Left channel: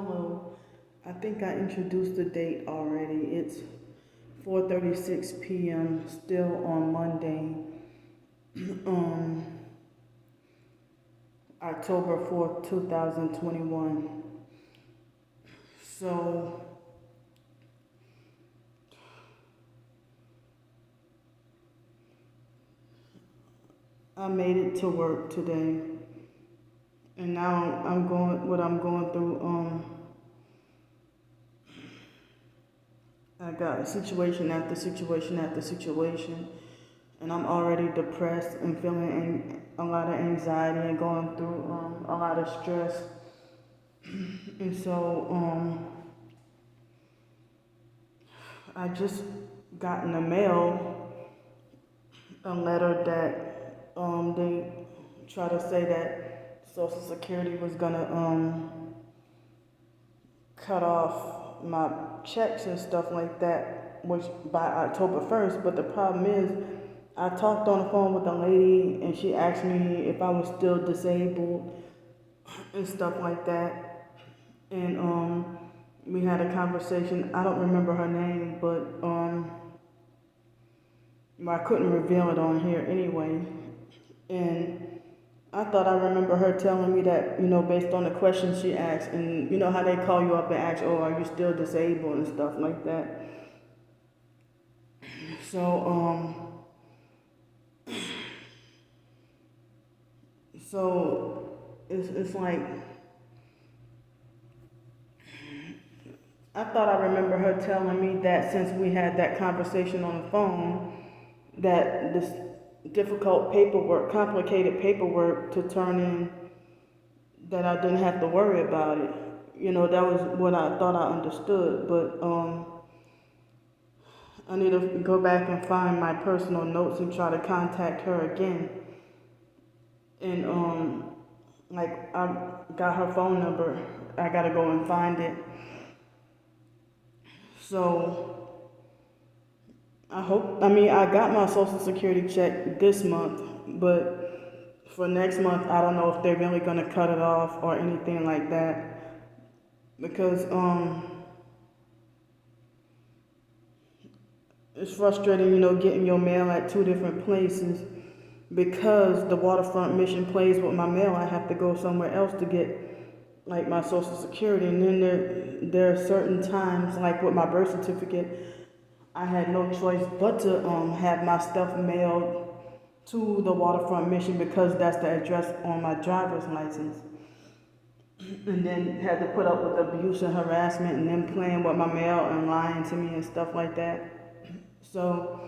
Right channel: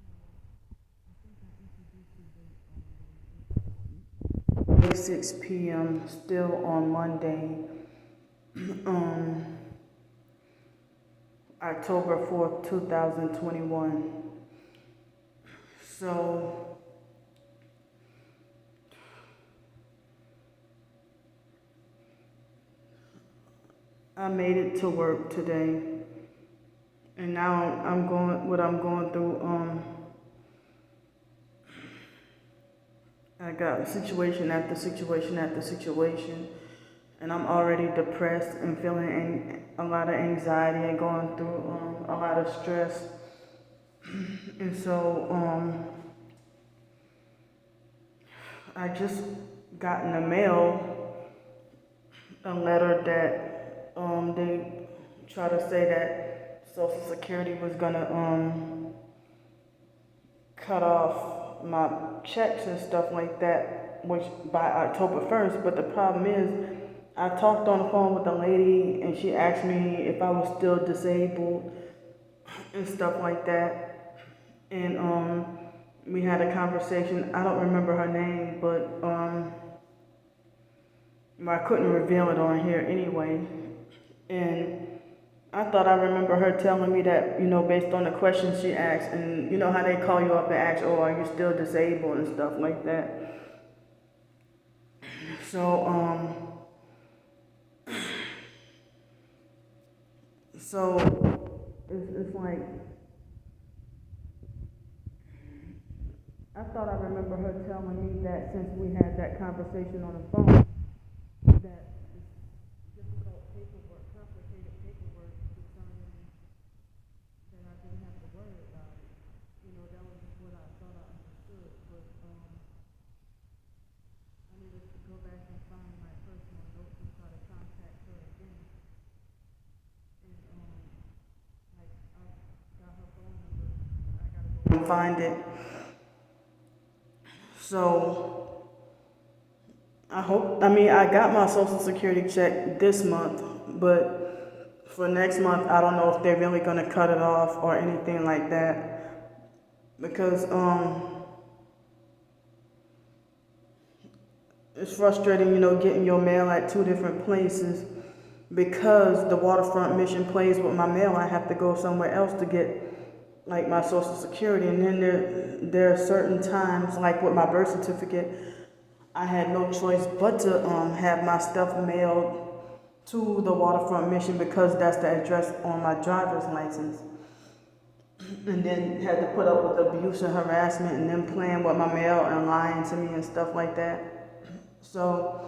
Hello. I think I introduced the date already. It's 4:36 p.m. still on Monday, um, October 4th, 2021. So I made it to work today, and now I'm going through. I got situation after situation after situation, and I'm already depressed and feeling a lot of anxiety and going through a lot of stress. And so I just got in the mail a letter that they try to say that Social Security was gonna cut off my checks and stuff like that, which by October 1st. But the problem is, I talked on the phone with a lady, and she asked me if I was still disabled and stuff like that. And we had a conversation. I don't remember her name, but I couldn't reveal it on here anyway. And I thought I remember her telling me that, based on the questions she asked, and you know how they call you up and ask, oh, are you still disabled and stuff like that. So it's like, I thought I remember her telling me that since we had that conversation on the phone, that this difficult paperwork, complicated paperwork to turn in, that I didn't have to worry about it. That was what I thought I understood, but I need to go back and find my personal notes and try to contact her again. And like, I got her phone number. I gotta go and find it. So I got my Social Security check this month, but for next month, I don't know if they're really gonna cut it off or anything like that, because it's frustrating, getting your mail at two different places. Because the waterfront mission plays with my mail, I have to go somewhere else to get like my Social Security. And then there are certain times, like with my birth certificate, I had no choice but to have my stuff mailed to the waterfront mission, because that's the address on my driver's license. And then had to put up with abuse and harassment, and them playing with my mail and lying to me and stuff like that. So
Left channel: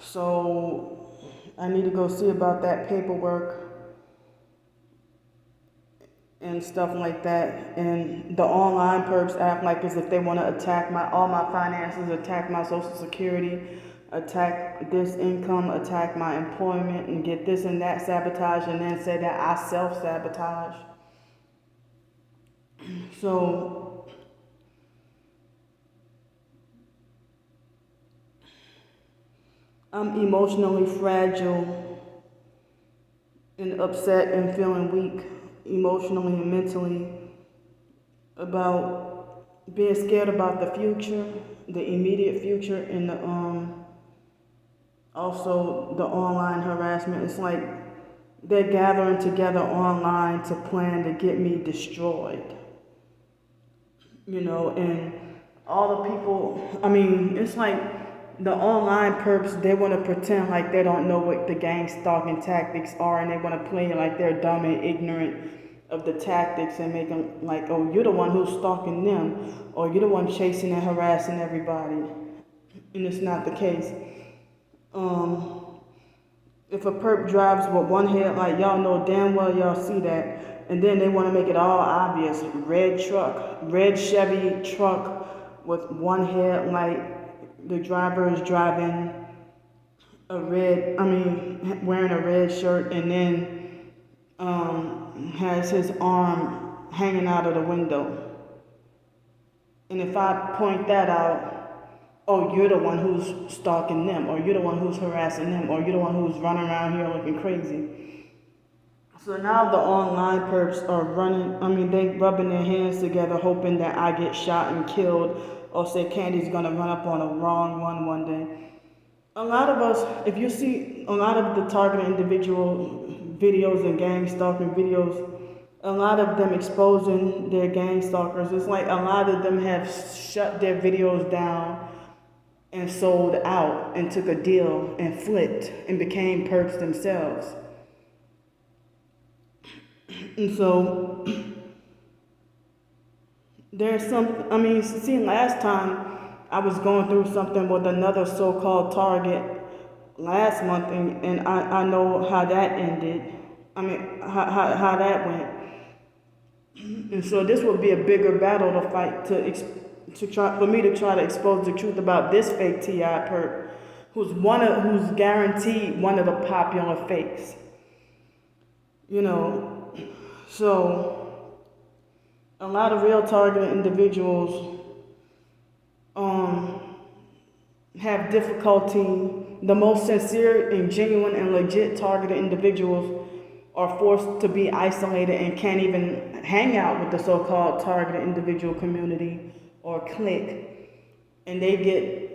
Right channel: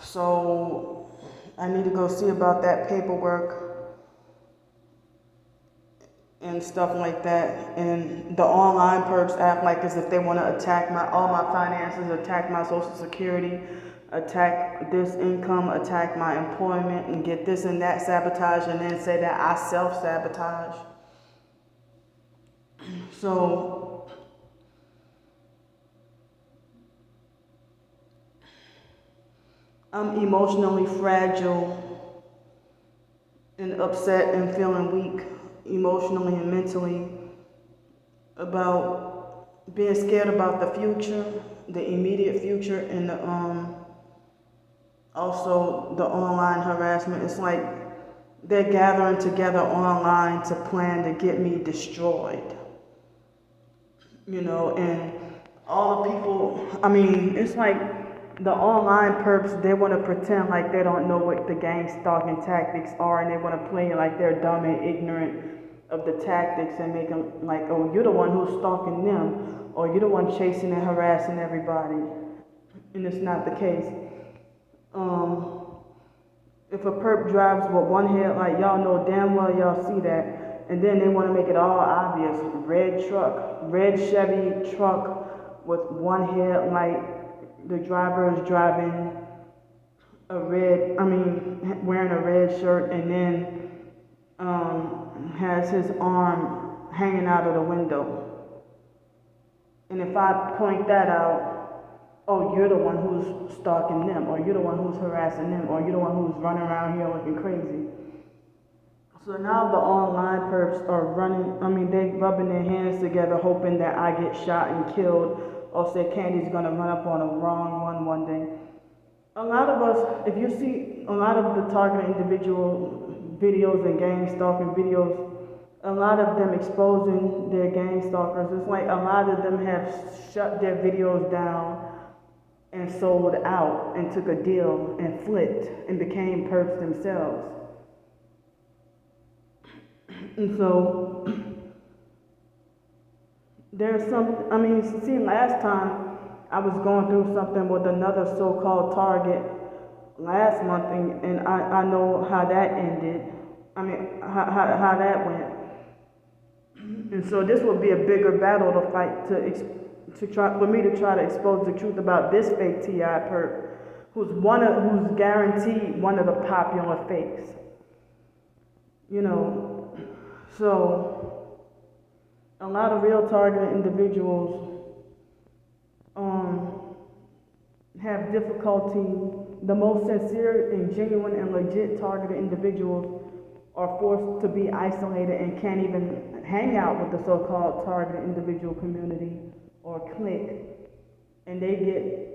So I need to go see about that paperwork and stuff like that. And the online perps act like as if they want to attack all my finances, attack my Social Security, attack this income, attack my employment, and get this and that sabotaged, and then say that I self-sabotage. So I'm emotionally fragile and upset and feeling weak emotionally and mentally about being scared about the future, the immediate future, and also the online harassment. It's like they're gathering together online to plan to get me destroyed. And all the people, it's like the online perps, they want to pretend like they don't know what the gang stalking tactics are, and they want to play like they're dumb and ignorant of the tactics, and make them like, oh, you're the one who's stalking them, or you're the one chasing and harassing everybody. And it's not the case. If a perp drives with one headlight, y'all know damn well y'all see that, and then they want to make it all obvious. Red Chevy truck with one headlight. The driver is driving wearing a red shirt, and then has his arm hanging out of the window. And if I point that out, oh, you're the one who's stalking them, or you're the one who's harassing them, or you're the one who's running around here looking crazy. So now the online perps are they rubbing their hands together hoping that I get shot and killed, or say Candy's gonna run up on a wrong one day. A lot of us, if you see a lot of the targeted individual videos and gang stalking videos, a lot of them exposing their gang stalkers, it's like a lot of them have shut their videos down and sold out and took a deal and flipped and became perps themselves. And so there's last time I was going through something with another so-called target last month, and I know how that ended. How that went. And so this would be a bigger battle to fight for me to try to expose the truth about this fake TI perp, who's guaranteed one of the popular fakes. So a lot of real targeted individuals have difficulty. The most sincere and genuine and legit targeted individuals are forced to be isolated and can't even hang out with the so-called targeted individual community or clique, and they get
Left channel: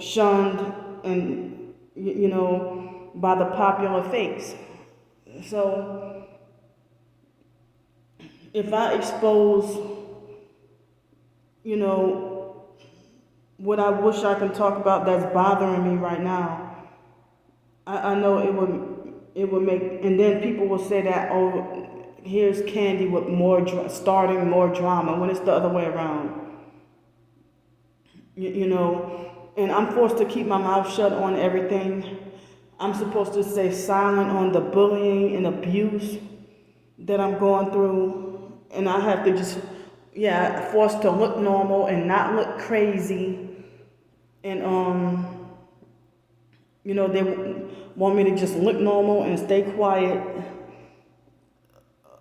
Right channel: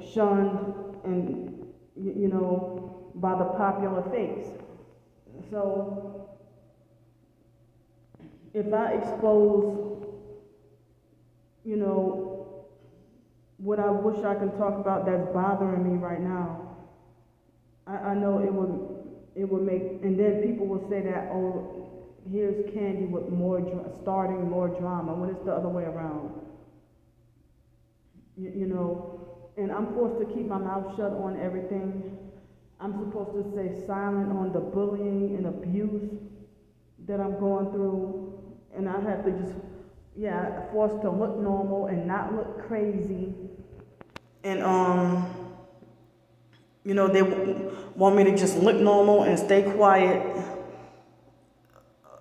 shunned and by the popular fakes. So if I expose what I wish I can talk about that's bothering me right now, I know it would make, and then people will say that, oh, here's Candy with starting more drama, when it's the other way around. And I'm forced to keep my mouth shut on everything. I'm supposed to stay silent on the bullying and abuse that I'm going through, and I have to just, forced to look normal and not look crazy. And they want me to just look normal and stay quiet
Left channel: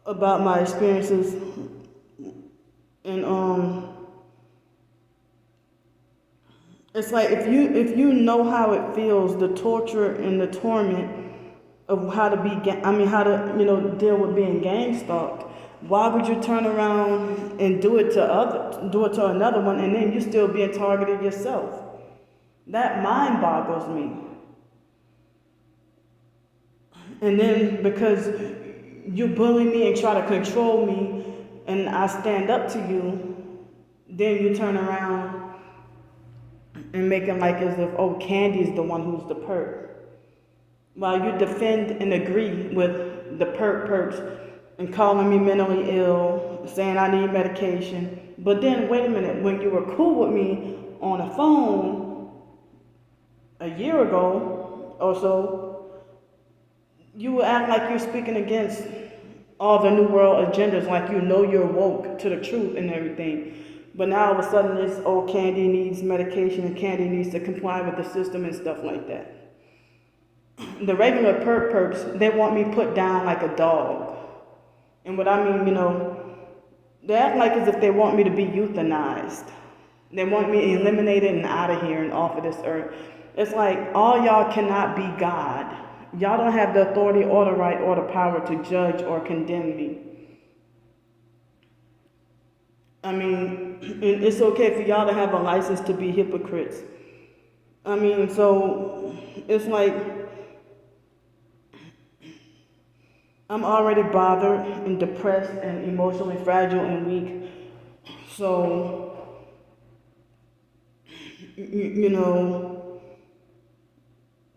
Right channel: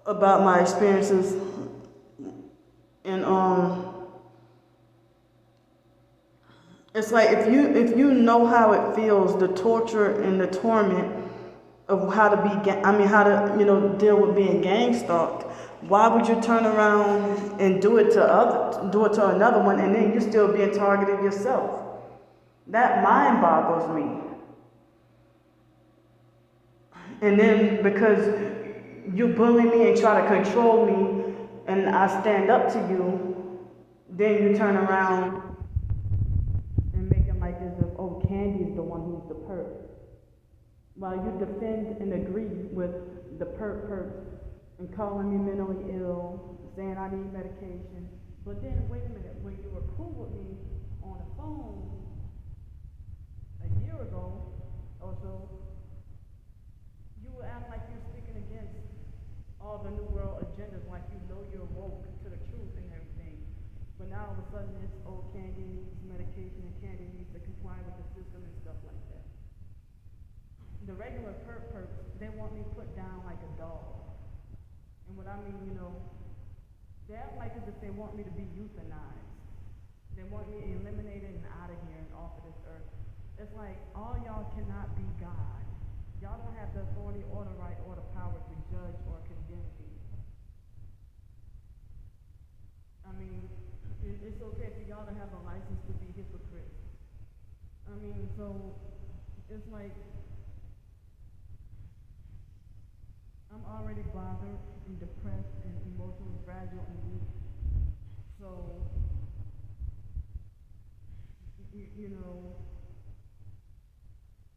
about my experiences. And it's like if you know how it feels, the torture and the torment of how to deal with being gang stalked, why would you turn around and do it to another one, and then you still being targeted yourself? That mind boggles me. And then because you bully me and try to control me, and I stand up to you, then you turn around and make it like as if, oh, Candy's the one who's the perp. While you defend and agree with the perps and calling me mentally ill, saying I need medication. But then, wait a minute, when you were cool with me on the phone a year ago or so, you would act like you're speaking against all the New World agendas, like you're woke to the truth and everything. But now all of a sudden it's, oh, Candy needs medication and Candy needs to comply with the system and stuff like that. The regular perps, they want me put down like a dog. And what I mean, they act like as if they want me to be euthanized. They want me eliminated and out of here and off of this earth. It's like, all y'all cannot be God. Y'all don't have the authority or the right or the power to judge or condemn me. I mean, it's okay for y'all to have a license to be hypocrites. So it's like, I'm already bothered and depressed and emotionally fragile and weak. So,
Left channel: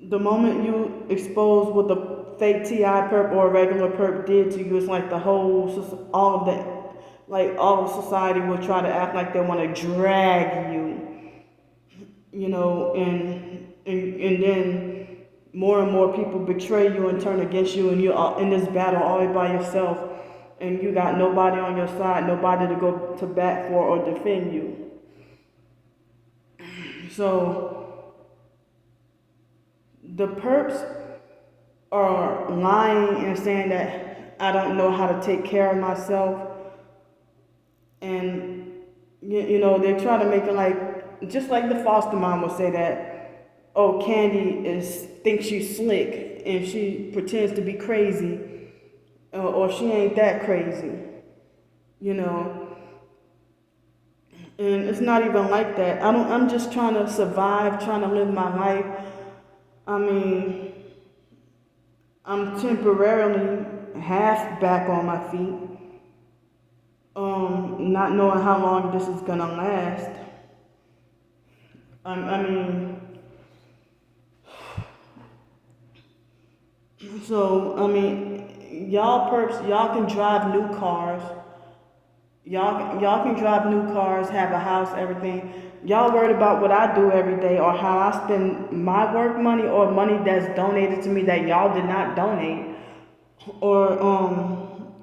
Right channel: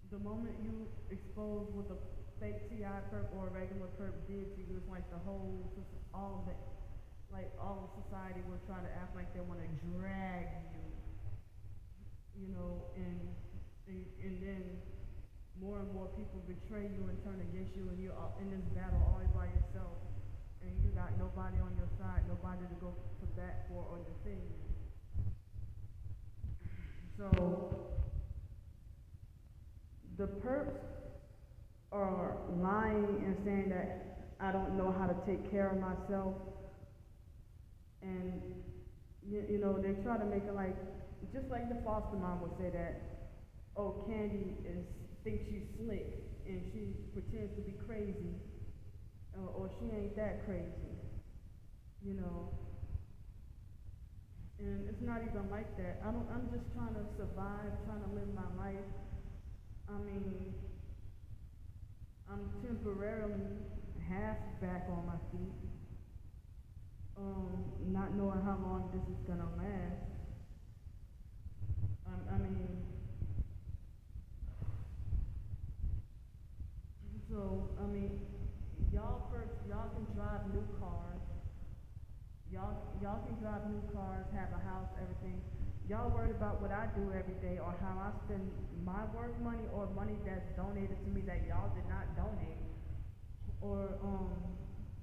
the moment you expose what the fake TI perp or a regular perp did to you, it's like all of society will try to act like they want to drag you, and then more and more people betray you and turn against you, and you're in this battle all by yourself, and you got nobody on your side, nobody to go to bat for or defend you. So the perps are lying and saying that I don't know how to take care of myself, and they try to make it like, just like the foster mom will say that oh, Candy thinks she's slick and she pretends to be crazy, or she ain't that crazy, you know. And it's not even like that. I'm just trying to survive, trying to live my life. I mean, I'm temporarily half back on my feet, not knowing how long this is gonna last. I mean, so I mean, y'all perps, y'all can drive new cars. Y'all can drive new cars, have a house, everything. Y'all worried about what I do every day or how I spend my work money or money that's donated to me that y'all did not donate. Or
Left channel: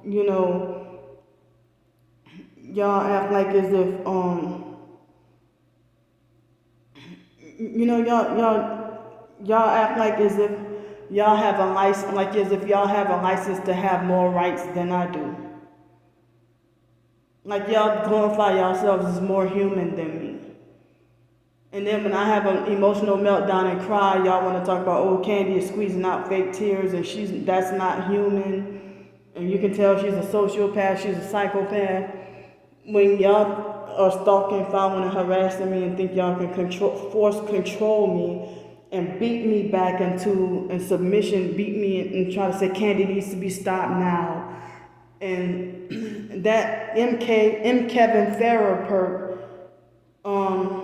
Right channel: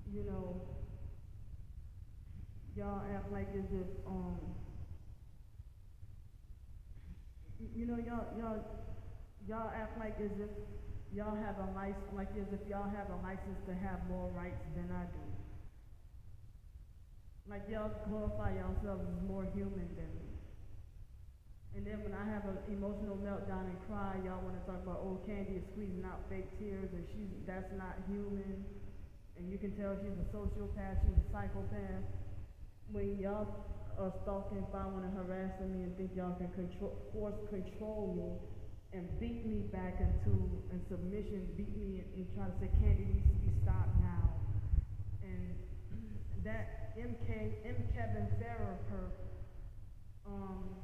you know, y'all act like as if you know, y'all act like as if y'all have a license, like as if y'all have a license to have more rights than I do. Like y'all glorify yourselves as more human than me. And then when I have an emotional meltdown and cry, y'all want to talk about, oh, Candy is squeezing out fake tears and that's not human. And you can tell she's a sociopath, she's a psychopath. When y'all are stalking, following, and harassing me and think y'all can force control me and beat me back in submission, beat me and try to say Candy needs to be stopped now. And that Kevin Farrer perp,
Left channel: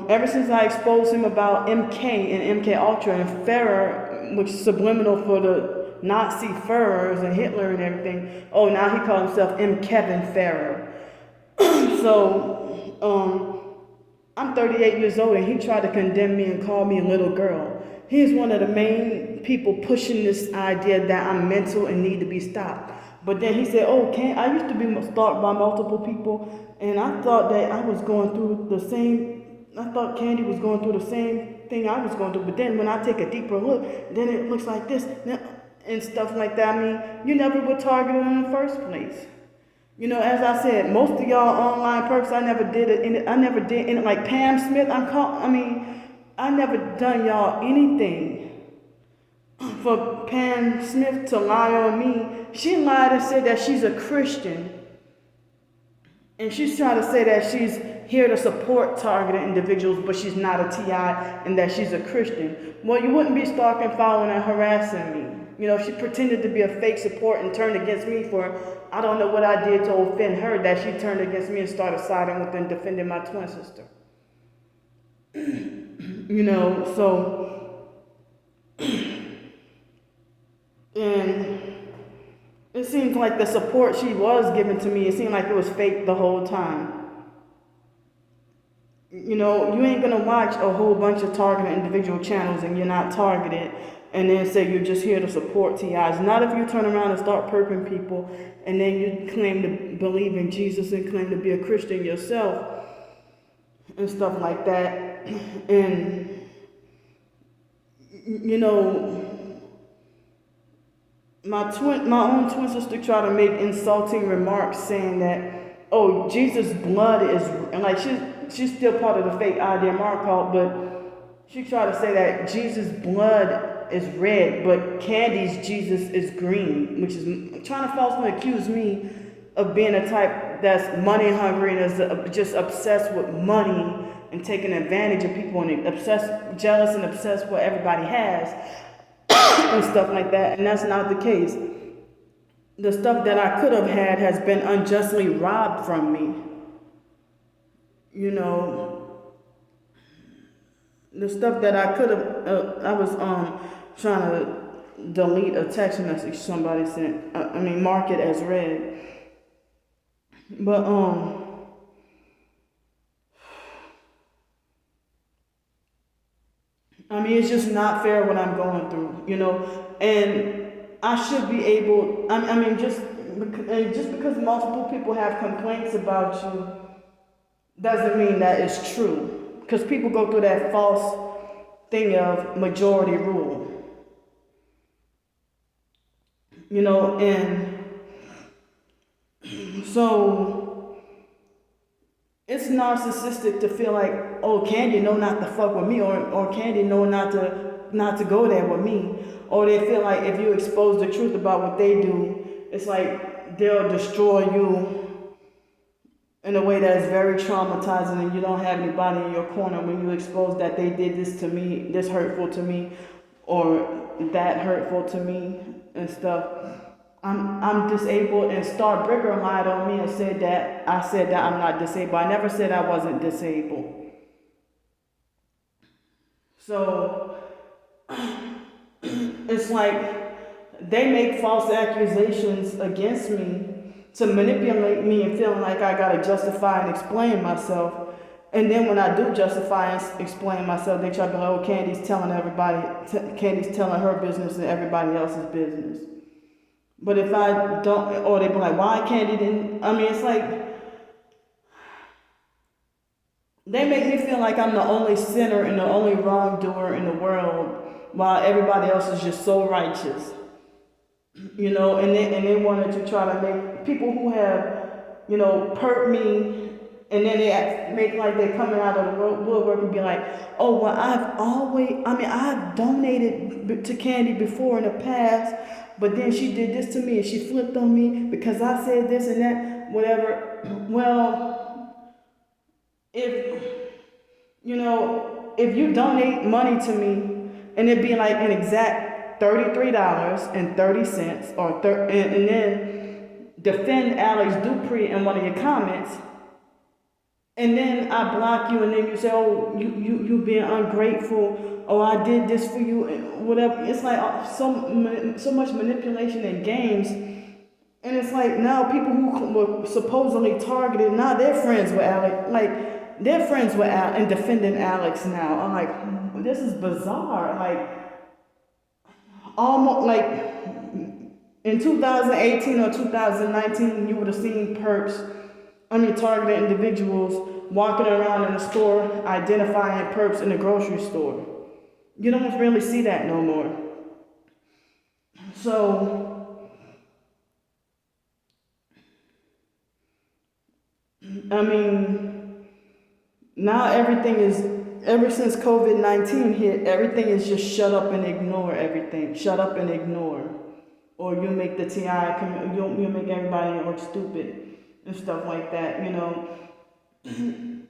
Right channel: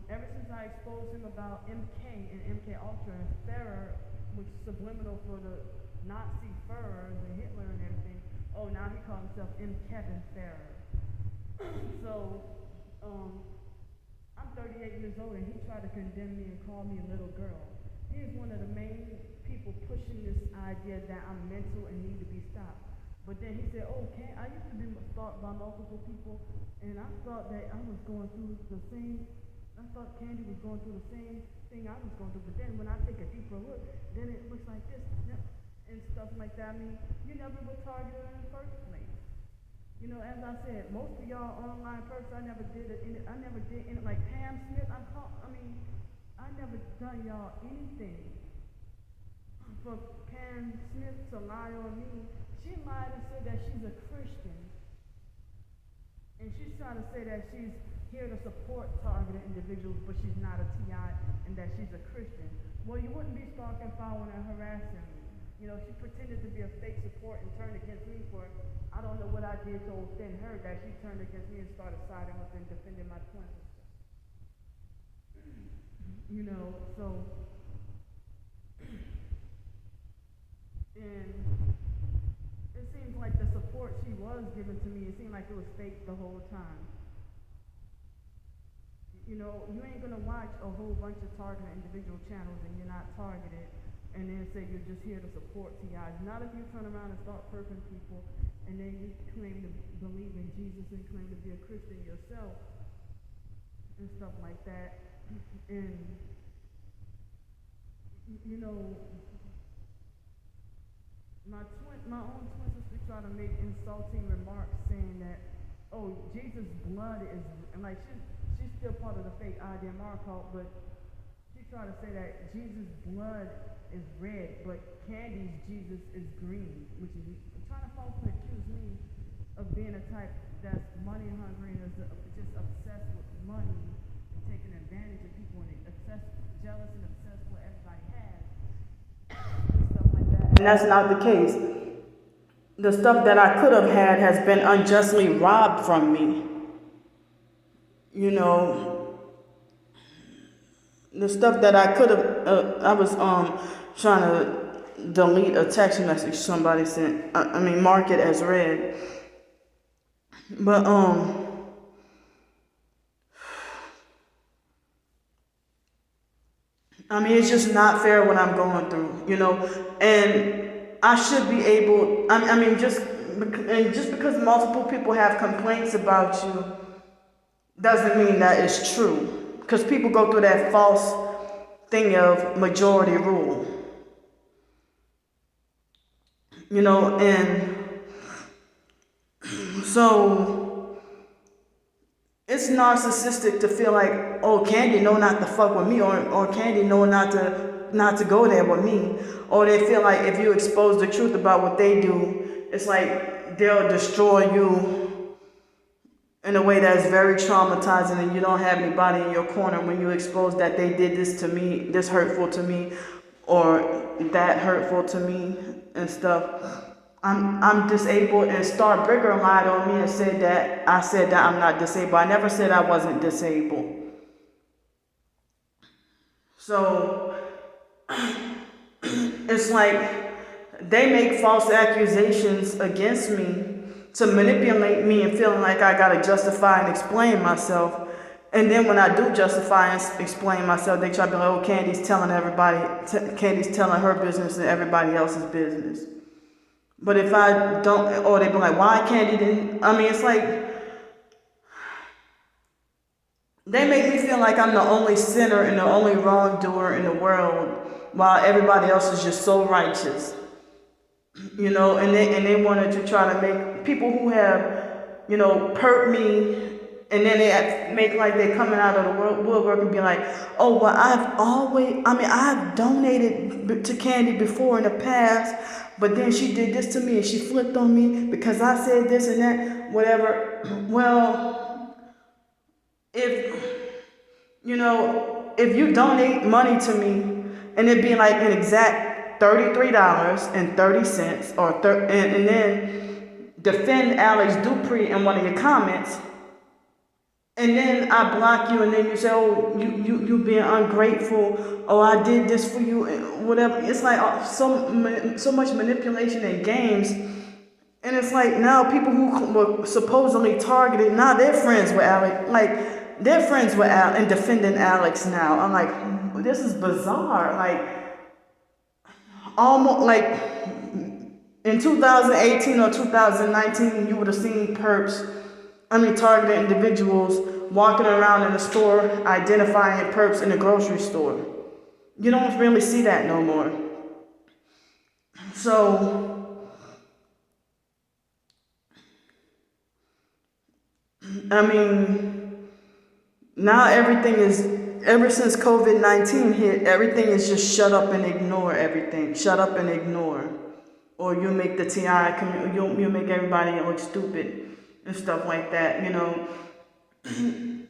ever since I exposed him about MK and MK Ultra and Farrer, which is subliminal for the Nazi Führers and Hitler and everything, oh, now he calls himself Kevin Farrer. So, I'm 38 years old and he tried to condemn me and call me a little girl. He's one of the main people pushing this idea that I'm mental and need to be stopped. But then he said, oh, I used to be stalked by multiple people, and I thought that I was going through I thought Candy was going through the same thing I was going through. But then when I take a deeper look, then it looks like this and stuff like that. I mean, you never were targeted in the first place. You know, as I said, most of y'all online perps, I never did it, like Pam Smith, I never done y'all anything. For Pam Smith to lie on me, she lied and said that she's a Christian. And she's trying to say that she's here to support targeted individuals, but she's not a TI and that she's a Christian. Well, you wouldn't be stalking, following, and harassing me. You know, she pretended to be a fake support and turned against me for, I don't know what I did to offend her, that she turned against me and started siding with and defending my twin sister. You know, so, and it seems like the support she was giving to me, it seemed like it was fake the whole time. You know, you ain't gonna watch a whole bunch of targeted individual channels and you're not targeted and then say you're just here to support TIs. Not if you turn around and start perping people and then you claim to believe in Jesus and claim to be a Christian yourself and stuff like that. And, you know, my own twin sister tried to make insulting remarks saying that, oh, Jesus' blood is, and like she's still part of the fake IDMR cult, but she tried to say that Jesus' blood is red, but Candy's Jesus is green, which is trying to falsely accuse me of being a type that's money hungry and is just obsessed with money and taking advantage of people and jealous and obsessed with what everybody has and stuff like that. And that's not the case. The stuff that I could have had has been unjustly robbed from me. You know, the stuff that I could have, I was trying to delete a text message somebody sent. Mark it as read. But it's just not fair what I'm going through, you know, and I should be able, just because multiple people have complaints about you doesn't mean that it's true, because people go through that false thing of majority rule, you know, and so it's narcissistic to feel like, oh, Candy know not to fuck with me, or Candy know not to not to go there with me. Or they feel like if you expose the truth about what they do, it's like they'll destroy you in a way that's very traumatizing, and you don't have anybody in your corner when you expose that they did this to me, this hurtful to me, or that hurtful to me and stuff. I'm disabled, and Star Bricker lied on me and said that I said that I'm not disabled. I never said I wasn't disabled. So it's like they make false accusations against me to manipulate me and feeling like I gotta justify and explain myself. And then when I do justify and explain myself, they try to be like, oh, Candy's telling Candy's telling her business and everybody else's business. But if I don't, or they be like, why Candy didn't, I mean, it's like, they make me feel like I'm the only sinner and the only wrongdoer in the world, while everybody else is just so righteous. You know, and they wanted to try to make people who have, you know, perp me, and then they make like they're coming out of the woodwork and be like, oh, well, I've donated to Candy before in the past, but then she did this to me and she flipped on me because I said this and that, whatever. Well, if you donate money to me and it be like an exact $33.30 and then defend Alex Dupree in one of your comments, and then I block you, and then you say, oh, you being ungrateful, oh, I did this for you, and whatever. It's like so much manipulation and games. And it's like now people who were supposedly targeted, now they're friends with Alex. Like, they're friends with Alex and defending Alex now. I'm like, this is bizarre. Like, almost like in 2018 or 2019, you would have seen targeted individuals walking around in the store identifying perps in the grocery store. You don't really see that no more. So, I mean, now ever since COVID-19 hit, everything is just shut up and ignore everything. Shut up and ignore. Or you make the TI, you'll make everybody look stupid and stuff like that, you know. And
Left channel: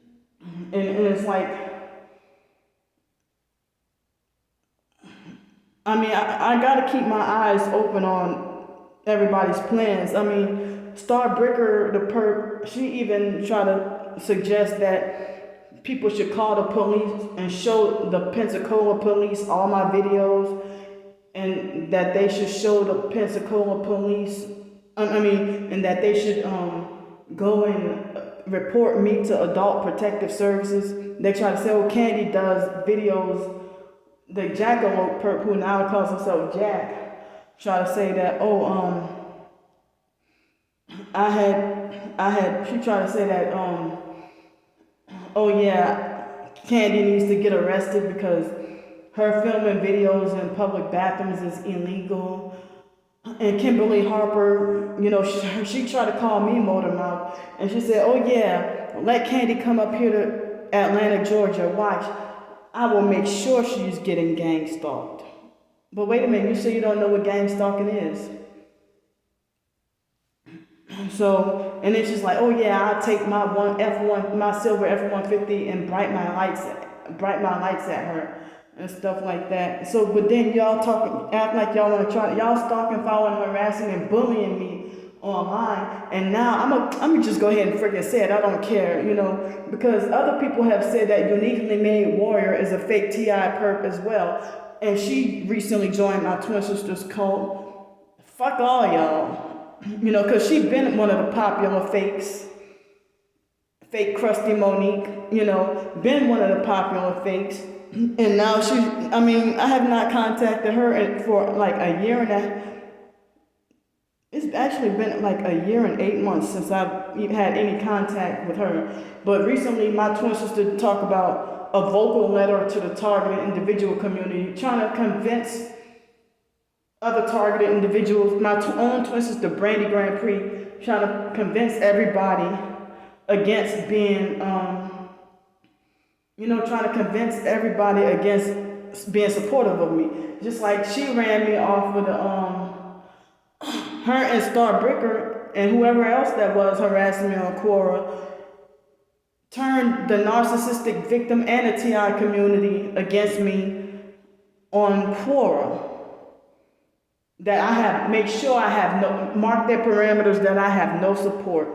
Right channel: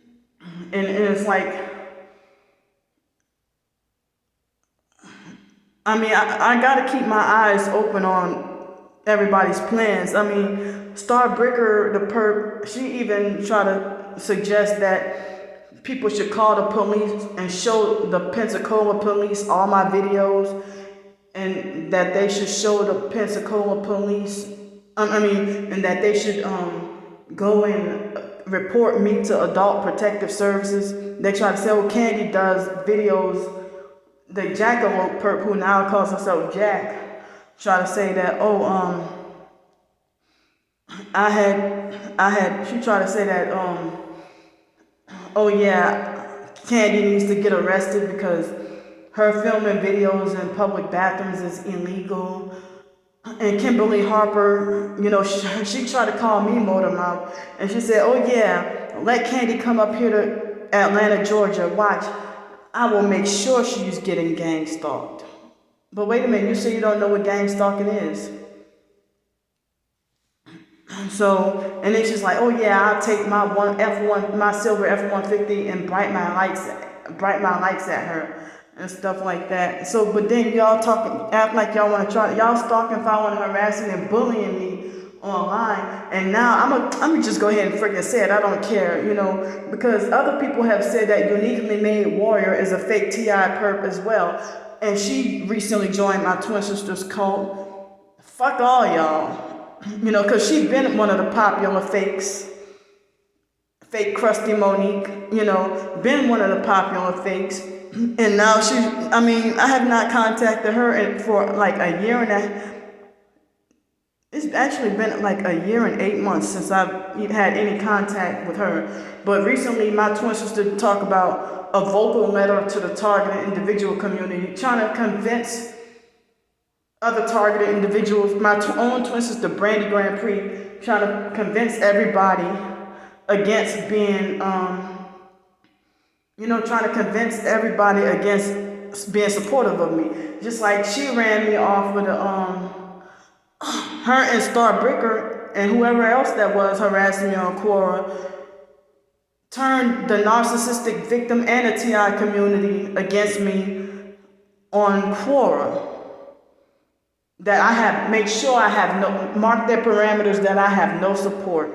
it's like, I mean, I gotta keep my eyes open on everybody's plans. I mean, Star Bricker, the perp, she even tried to suggest that people should call the police and show the Pensacola police all my videos, and that they should show the Pensacola police, and that they should go and report me to Adult Protective Services. They try to say, oh, Candy does videos. The Jackalope perp, who now calls himself Jack, try to say that, she tried to say that, oh yeah, Candy needs to get arrested because her filming videos in public bathrooms is illegal. And Kimberly Harper, you know, she tried to call me motor mouth, and she said, oh yeah, let Candy come up here to Atlanta, Georgia, watch. I will make sure she's getting gang stalked. But wait a minute, you say you don't know what gang stalking is. So, and then she's like, oh yeah, I'll take my silver F-150 and bright my lights at her and stuff like that. So, but then y'all act like y'all want to y'all stalking, following, harassing, and bullying me online. And now I'm just go ahead and freaking say it. I don't care, you know, because other people have said that Uniquely Made Warrior is a fake TI perp as well. And she recently joined my twin sister's cult. Fuck all y'all. You know, because she's been one of the popular fakes. Fake Krusty Monique, you know, been one of the popular fakes. And now I have not contacted her for like a year and a half. It's actually been like a year and 8 months since I've had any contact with her. But recently, my twin sister talked about a vocal letter to the targeted individual community, trying to convince other targeted individuals. My own twin sister, Candy Grandpre, trying to convince everybody against being, trying to convince everybody against being supportive of me. Just like she ran me off with her and Star Bricker and whoever else that was harassing me on Quora turned the narcissistic victim and the TI community against me on Quora. That I have make sure I have no mark their parameters that I have no support.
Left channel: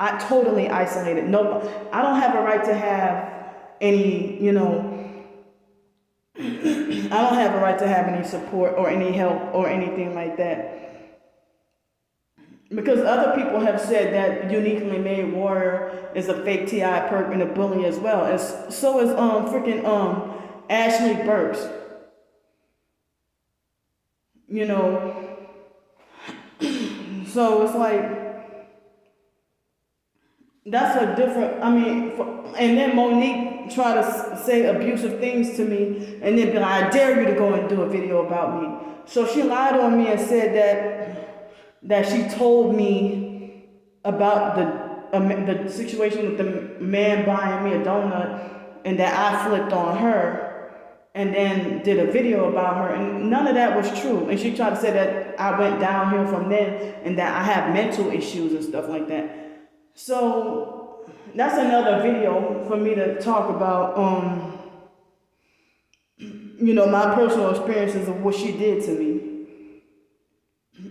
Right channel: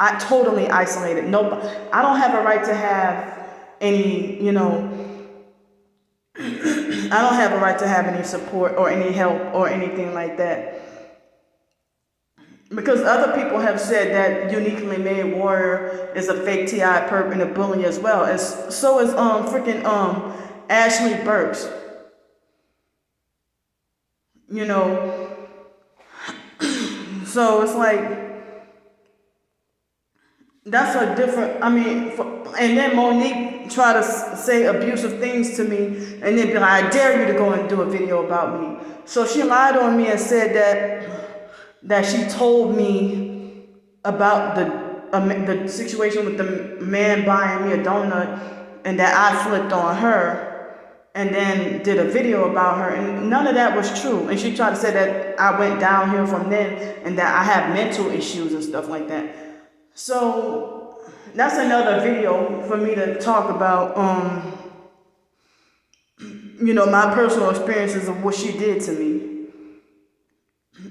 I totally isolated. No, I don't have a right to have any, I don't have a right to have any support or any help or anything like that. Because other people have said that Uniquely Made Warrior is a fake TI perp and a bully as well. So is Ashley Burks. So it's like, that's a different, and then Monique tried to say abusive things to me and then be like, I dare you to go and do a video about me. So she lied on me and said that she told me about the situation with the man buying me a donut and that I flipped on her and then did a video about her, and none of that was true. And she tried to say that I went downhill from then and that I have mental issues and stuff like that. So that's another video for me to talk about, my personal experiences of what she did to me.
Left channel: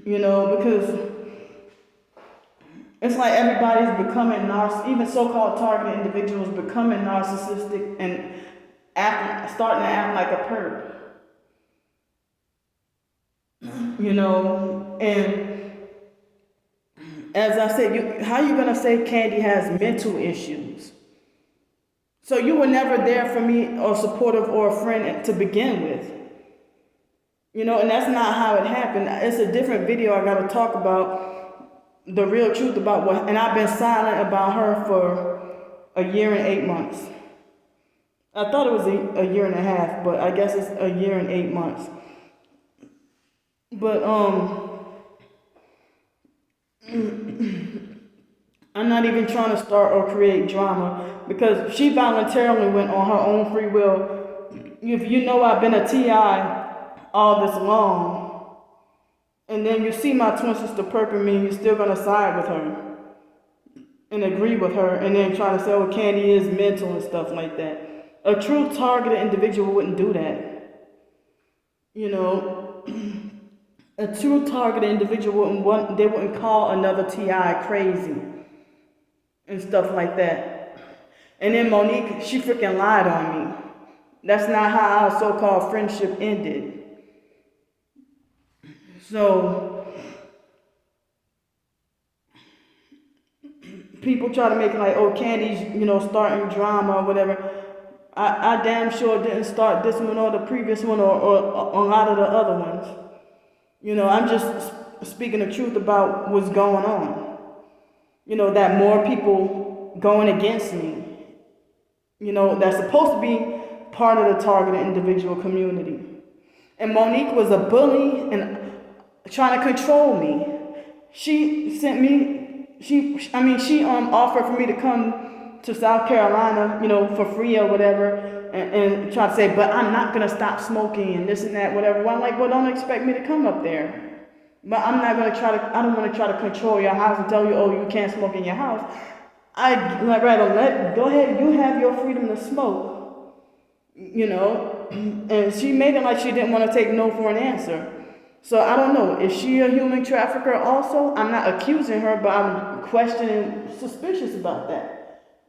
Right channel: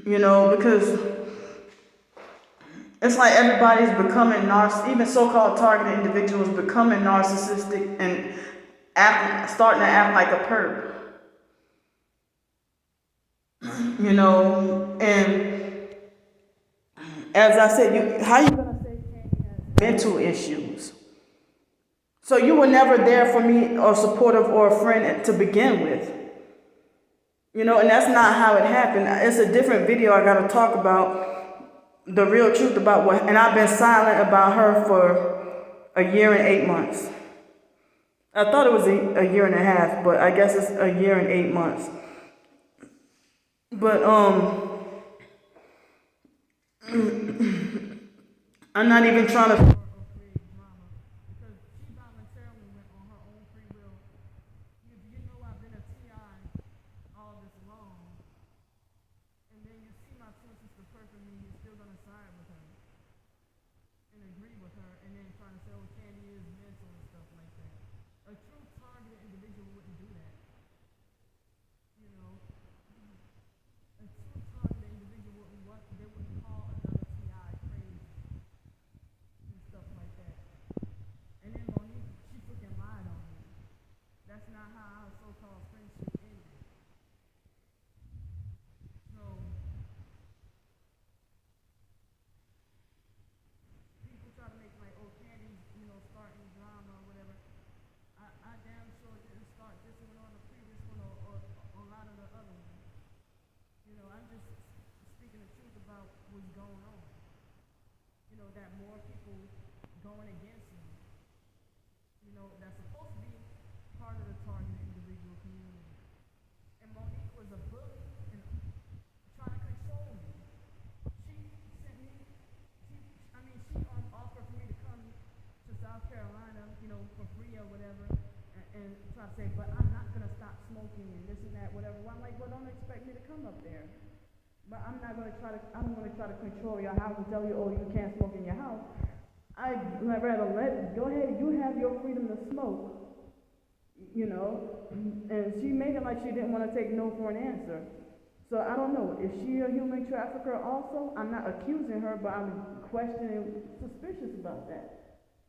Because it's like everybody's becoming even so-called targeted individuals becoming narcissistic and starting to act like a perp. And as I said, how you gonna say Candy has mental issues? So you were never there for me or supportive or a friend to begin with. And that's not how it happened. It's a different video. I gotta talk about the real truth about what, and I've been silent about her for a year and 8 months. I thought it was a year and a half, but I guess it's a year and 8 months. But I'm not even trying to start or create drama because she voluntarily went on her own free will. If you know I've been a TI all this long, and then you see my twin sister perping me, you're still gonna side with her and agree with her, and then try to say, oh, Candy is mental and stuff like that. A true targeted individual wouldn't do that. A true targeted individual wouldn't call another TI crazy and stuff like that. And then Monique, she freaking lied on me. That's not how our so-called friendship ended. So people try to make it like, oh, Candy's, starting drama or whatever. I damn sure didn't start this one or the previous one or a lot of the other ones. I'm just speaking the truth about what's going on. That more people going against me. That's supposed to be part of the targeted individual community. And Monique was a bully and trying to control me. She sent me, she offered for me to come to South Carolina, for free or whatever, and try to say, but I'm not gonna stop smoking and this and that, whatever. Well, I'm like, well, don't expect me to come up there. But I'm not gonna I don't wanna try to control your house and tell you, oh, you can't smoke in your house. I'd rather go ahead, you have your freedom to smoke, and she made it like she didn't want to take no for an answer. So I don't know, is she a human trafficker also? I'm not accusing her, but I'm questioning, suspicious about that.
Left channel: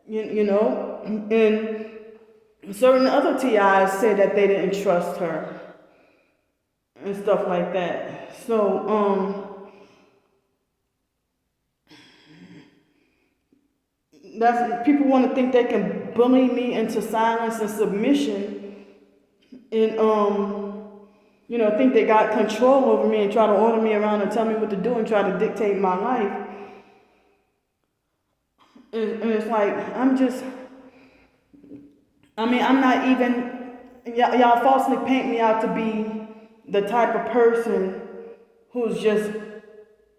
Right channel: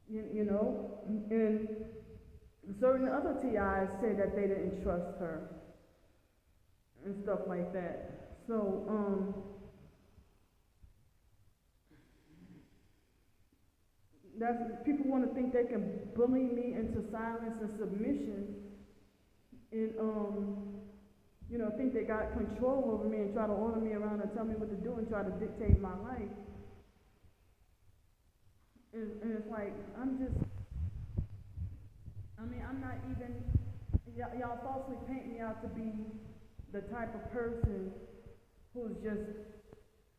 And certain other TIs said that they didn't trust her and stuff like that. So, people want to think they can bully me into silence and submission and, think they got control over me and try to order me around and tell me what to do and try to dictate my life. And it's like, I'm not even, y'all falsely paint me out to be the type of person who's just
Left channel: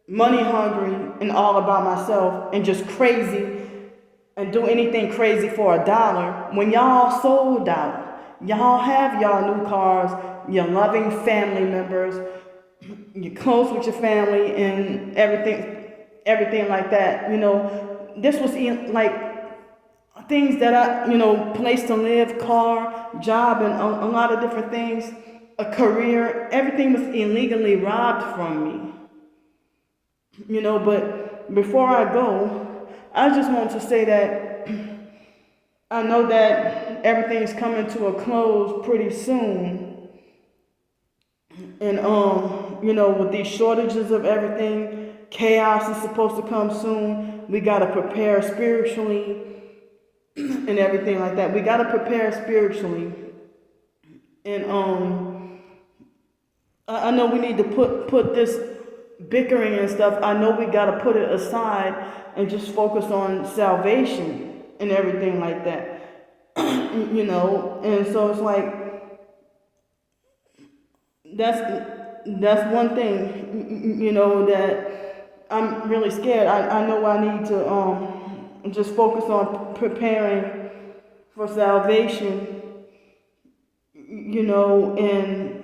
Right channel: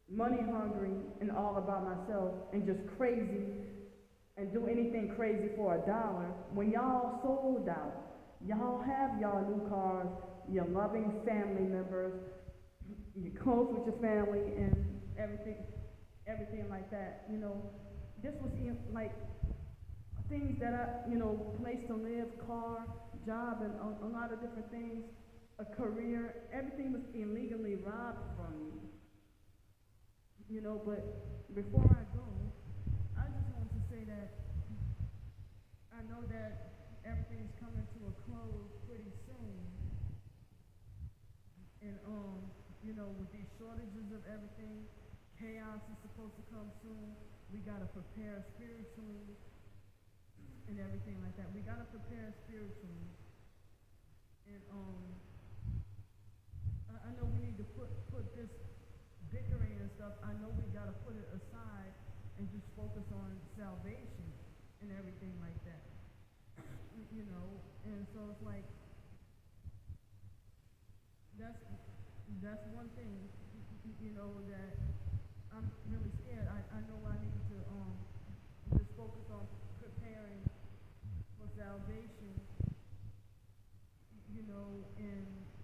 money hungry and all about myself and just crazy and do anything crazy for $1 when y'all sold out. Y'all have y'all new cars, your loving family members, you're close with your family and everything like that. This was like things that place to live, car, job, and a lot of different things, a career, everything was illegally robbed from me. But before I go, I just want to say that I know that everything's coming to a close pretty soon. And with these shortages of everything, chaos is supposed to come soon. We gotta prepare spiritually and everything like that. We gotta prepare spiritually. And I know we need to put this bickering and stuff. I know we gotta put it aside and just focus on salvation and everything like that. And so it's like that's one thing, that I'm really scared. I know I need to just focus on preparing for salvation, and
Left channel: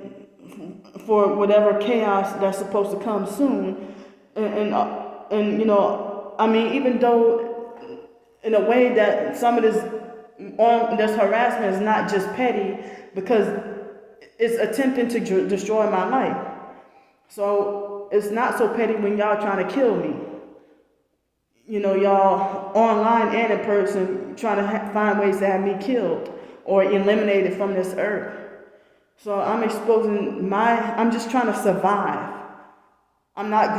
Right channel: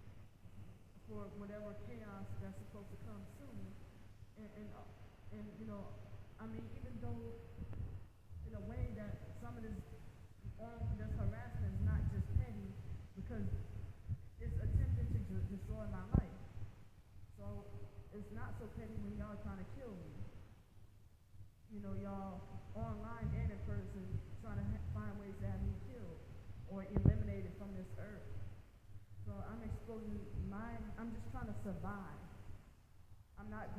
for whatever chaos that's supposed to come soon. And I mean, even though in a way that some of this harassment is not just petty, because it's attempting to destroy my life. So it's not so petty when y'all trying to kill me. Y'all online and in person trying to find ways to have me killed or eliminated from this earth. So I'm just trying to survive. I'm not